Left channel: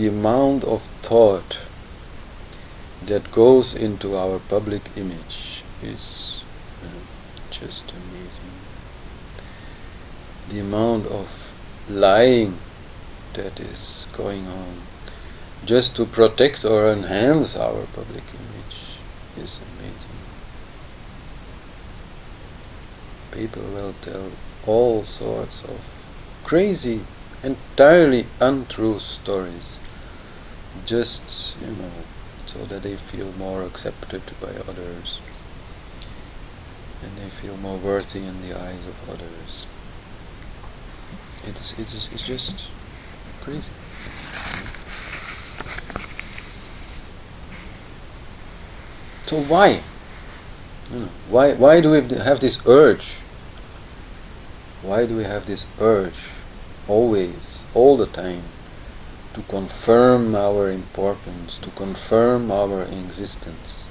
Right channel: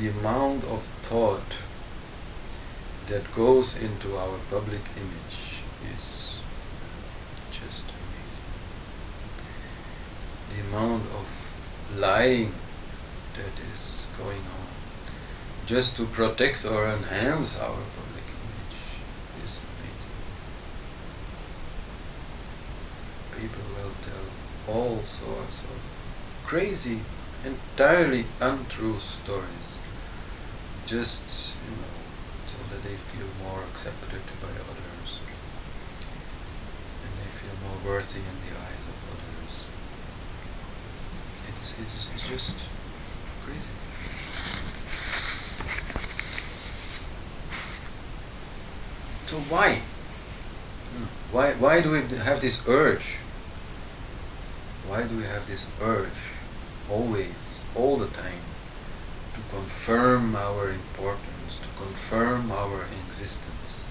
the amount of thought that goes into our public image is just amazing. The amount of lying that is going on just to protect or enhance our public image is amazing. People will tell all sorts of crazy, entirely untrue stories, just, so that they feel more accepted by others and they feel more worthy in the eyes of others. It's just crazy. So why? Why do we have this urge? Why do we have this urge always, all the time, to confirm our importance, to confirm our existence,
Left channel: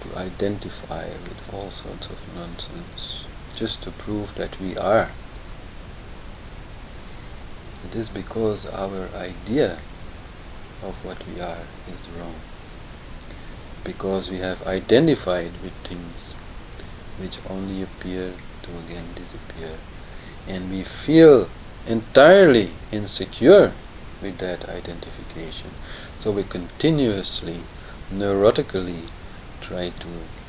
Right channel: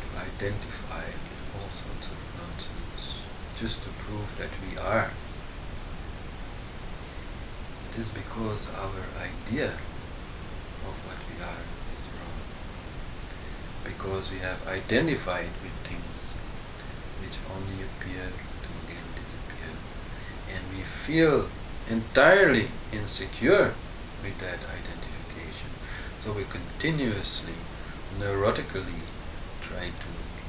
to identify with all sorts of nonsense, just to prove that we are? It is because our idea of what we are is wrong. Because we have identified with things which only appear to again disappear. And we feel entirely insecure with that identification. So we continuously, neurotically try to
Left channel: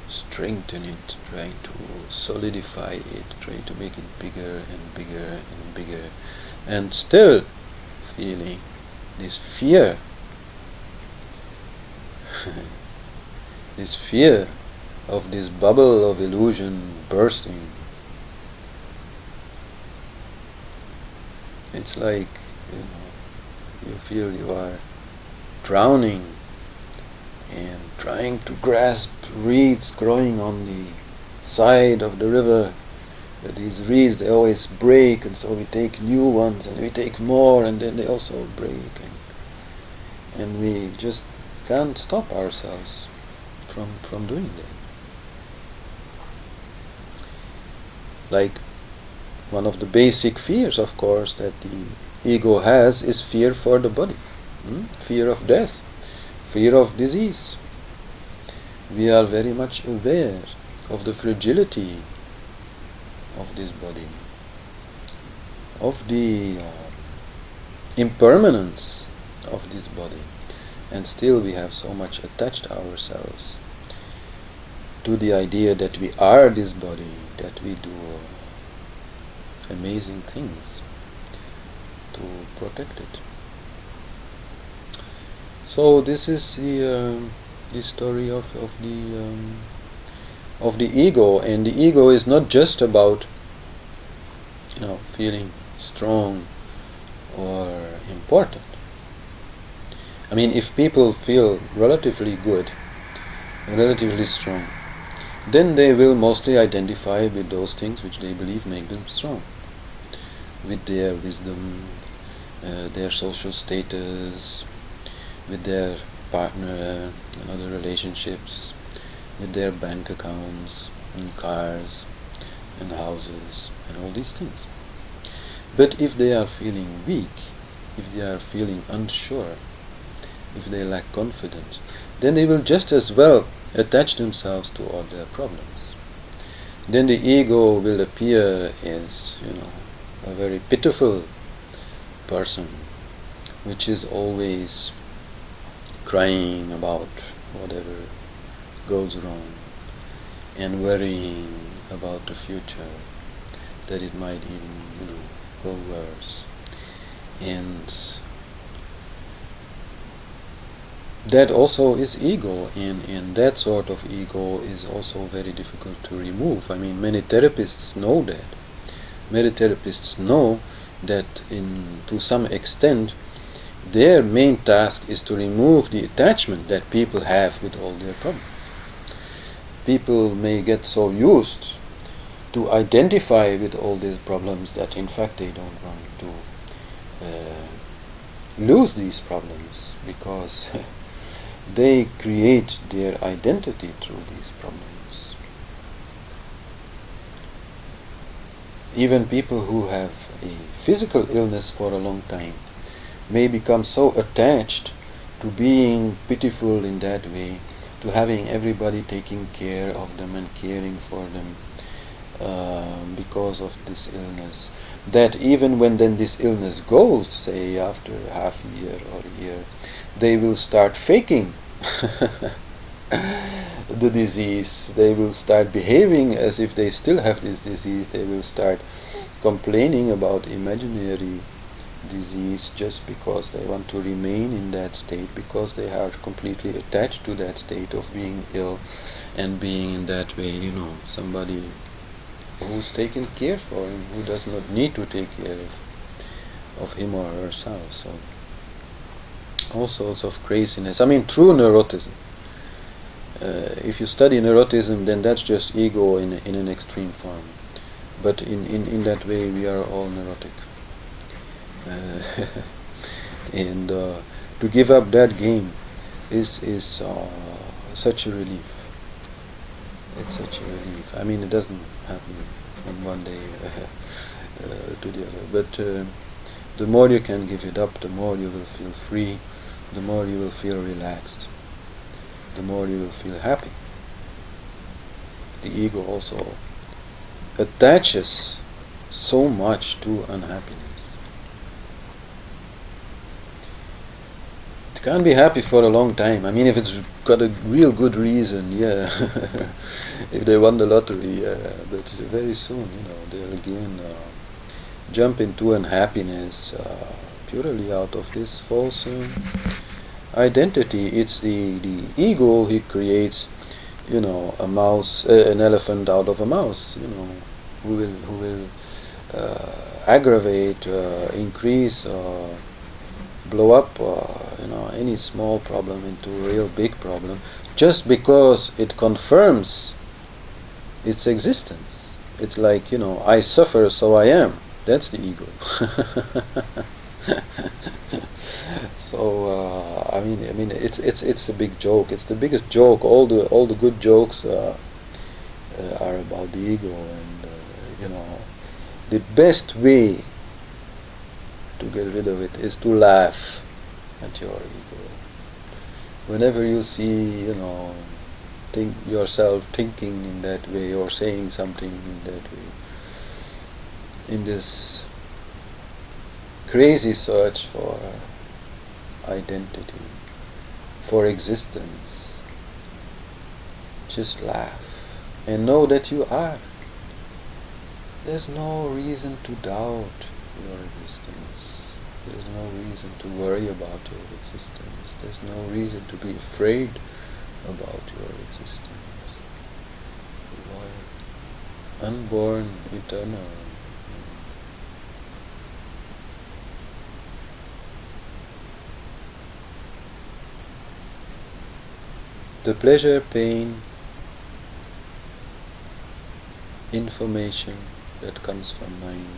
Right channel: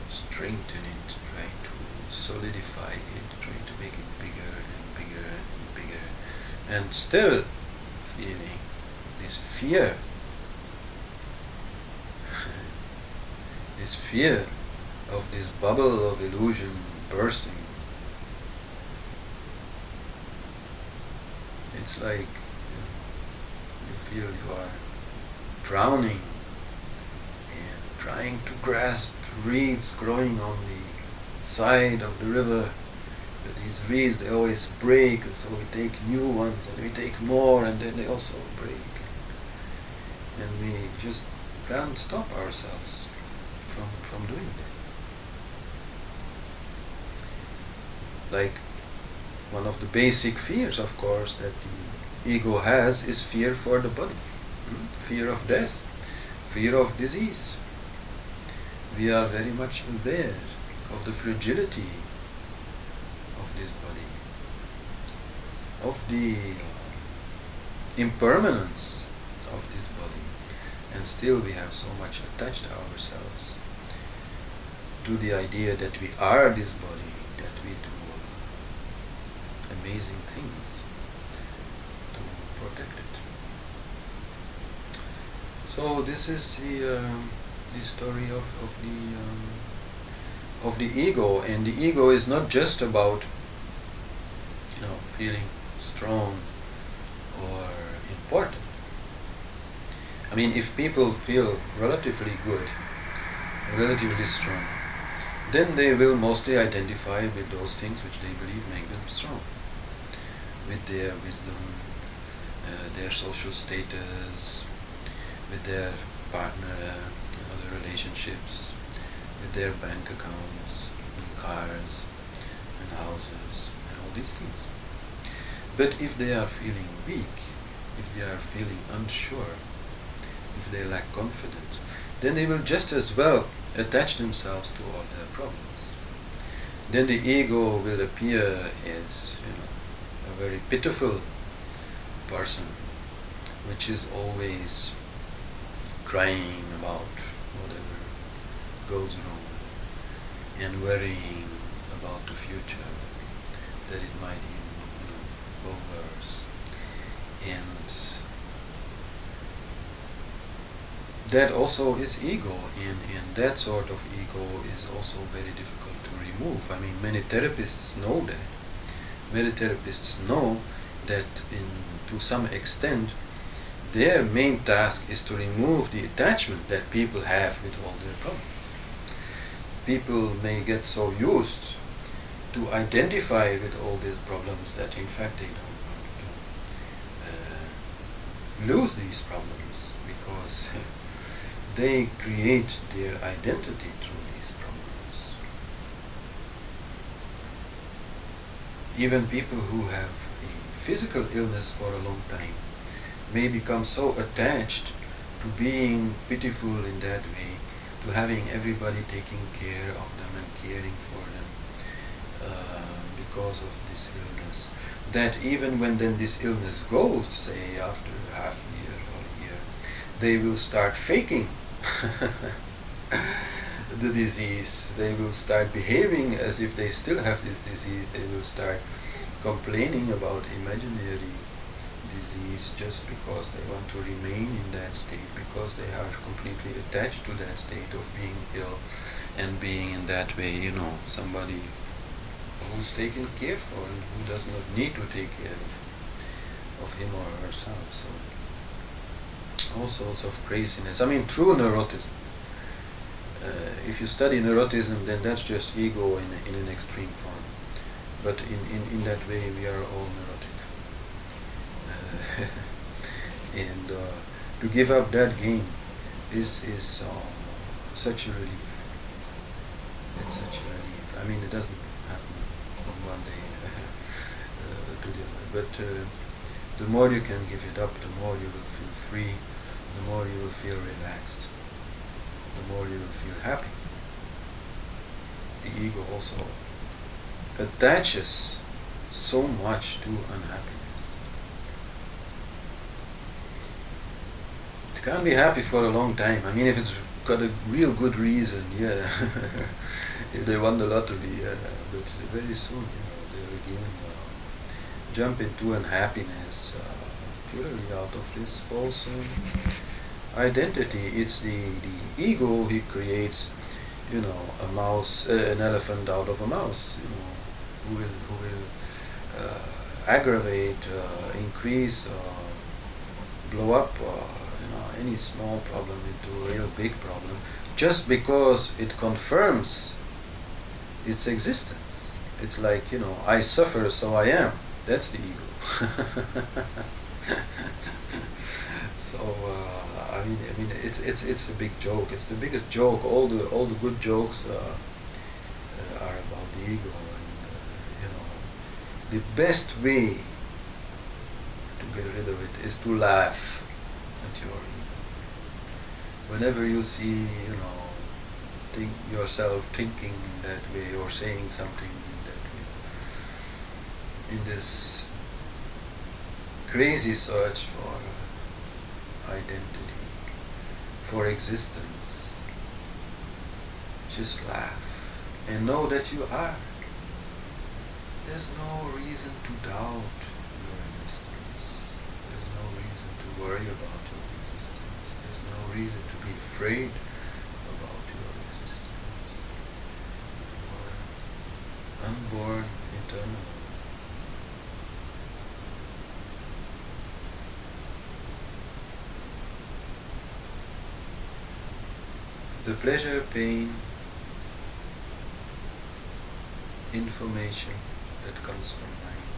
strengthen it, try to solidify it, try to make it bigger and bigger and bigger. And still feeling this fear. This fear of this bubble of illusion bursting. It's like, you feel you are drowning and trying to grasp reeds growing on the side of the river. But these reeds, they always break, and so we take new ones and we take more, and then they also break. And we just can't stop ourselves from doing that. Like, one of the basic fears, of course, that the ego has is fear for the body, fear of death, fear of disease. We are very much aware of the fragility of this body, of the impermanence of this body, and still we have so much attached ourselves to the idea that we are this body, that we do amazing things to protect it. So this is the story of the ego, and the ego is not just about feeling strong or important. I mean, if people feel relatively good, relatively strong, then they will mostly identify with those things which they believe make them strong, with their wisdom, their social status, with their partner and other relationships, with their bank accounts and cars and houses and all these things. But if they are feeling weak, if they are feeling unsure, if they lack confidence, then they will just as well attach themselves to all their problems. Then the ego will appear as, a very pitiful person, which is always crying about whatever goes wrong and worrying about the future, that it might even, go worse. And that also is ego, and that sort of ego is also very difficult to remove. I mean, many therapists know that. Many therapists know that to some extent their main task is to remove the attachment that people have with all their problems. People may get so used to identify with all these problems that in fact they don't want to lose these problems, because they create their identity through these problems. Even people who have a physical illness for a long time, may become so attached to being pitiful in that way, to having everybody taking care of them and caring for them because of this illness, that even when then this illness goes, say after half a year or a year, they will start faking the disease. They will start behaving as if they still have this disease. They will start complaining about imaginary disease just because they want to remain in that state, because they are completely attached to that state of being ill and being in that way, somebody who's taken care for him, who does not need to take care of him or herself. So all sorts of craziness. I mean, true neurotism. If you study neurotism, then that's just ego in an extreme form. But in that way, we are all neurotic. And to give up that game is such a relief. It's such a relief. I mean, it doesn't happen from one day to the other. But the more you can give it up, the more you will feel free, the more you will feel relaxed, the more you will feel happy. The ego also attaches so much to unhappiness. It can't be happy for a long time. I mean, if it's got a real good reason, yeah. If they won the lottery, yeah. But very soon, they'll again jump into unhappiness purely out of this false identity. It's the ego who creates, a mouse, an elephant out of a mouse, who will aggravate, increase, blow up, any small problem into a real big problem, just because it confirms its existence. It's like, I suffer, so I am. That's the ego. So I mean, it's a big joke. It's the biggest joke. All the good jokes are about the ego, and the best way to get rid of it is to laugh at your ego. Whenever you see, think yourself thinking in that way or saying something in that way, in this crazy search for identity, for existence, just laugh and know that you are. There's no reason to doubt your existence. There's no reason to worry about your existence. There's no reason to be afraid about your existence. You are unborn, eternal. The pleasure, pain, information that comes from mind,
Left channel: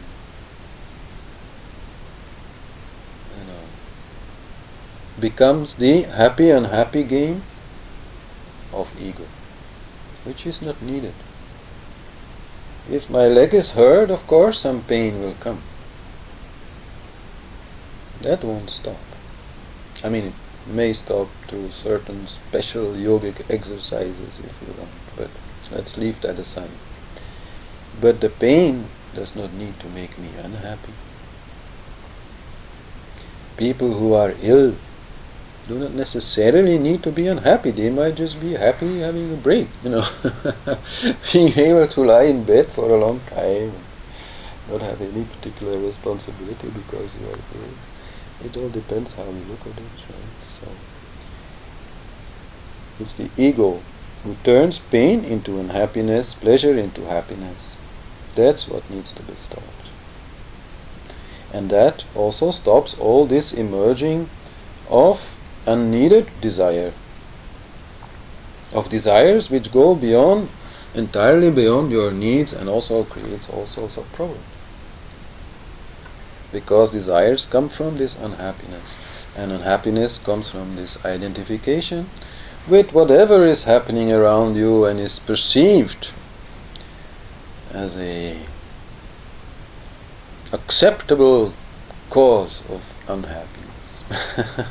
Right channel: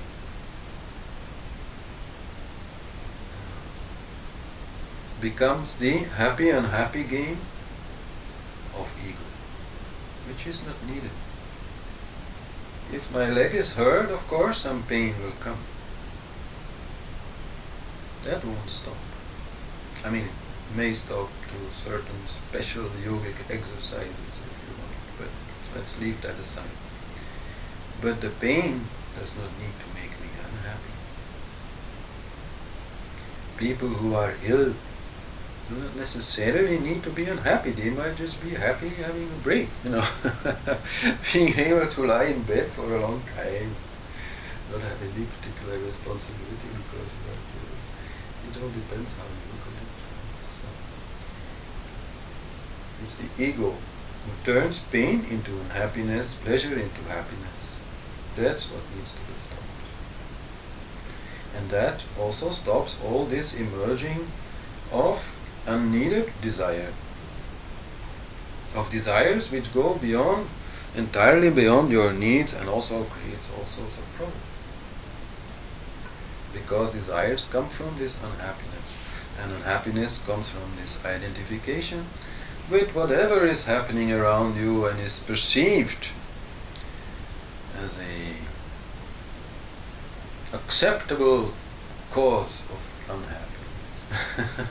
becomes the happy unhappy game of ego, which is not needed. If my leg is hurt, of course some pain will come. That won't stop. I mean, it may stop through certain special yogic exercises if you want, but let's leave that aside. But the pain does not need to make me unhappy. People who are ill do not necessarily need to be unhappy. They might just be happy having a break, being able to lie in bed for a long time, not have any particular responsibility because you are ill. It all depends how you look at it, right? So it's the ego who turns pain into unhappiness, pleasure into happiness. That's what needs to be stopped. And that also stops all this emerging of unneeded desire, of desires which go entirely beyond your needs, and also creates all sorts of problems. Because desires come from this unhappiness, and unhappiness comes from this identification with whatever is happening around you and is perceived as a acceptable cause of unhappiness. Peace.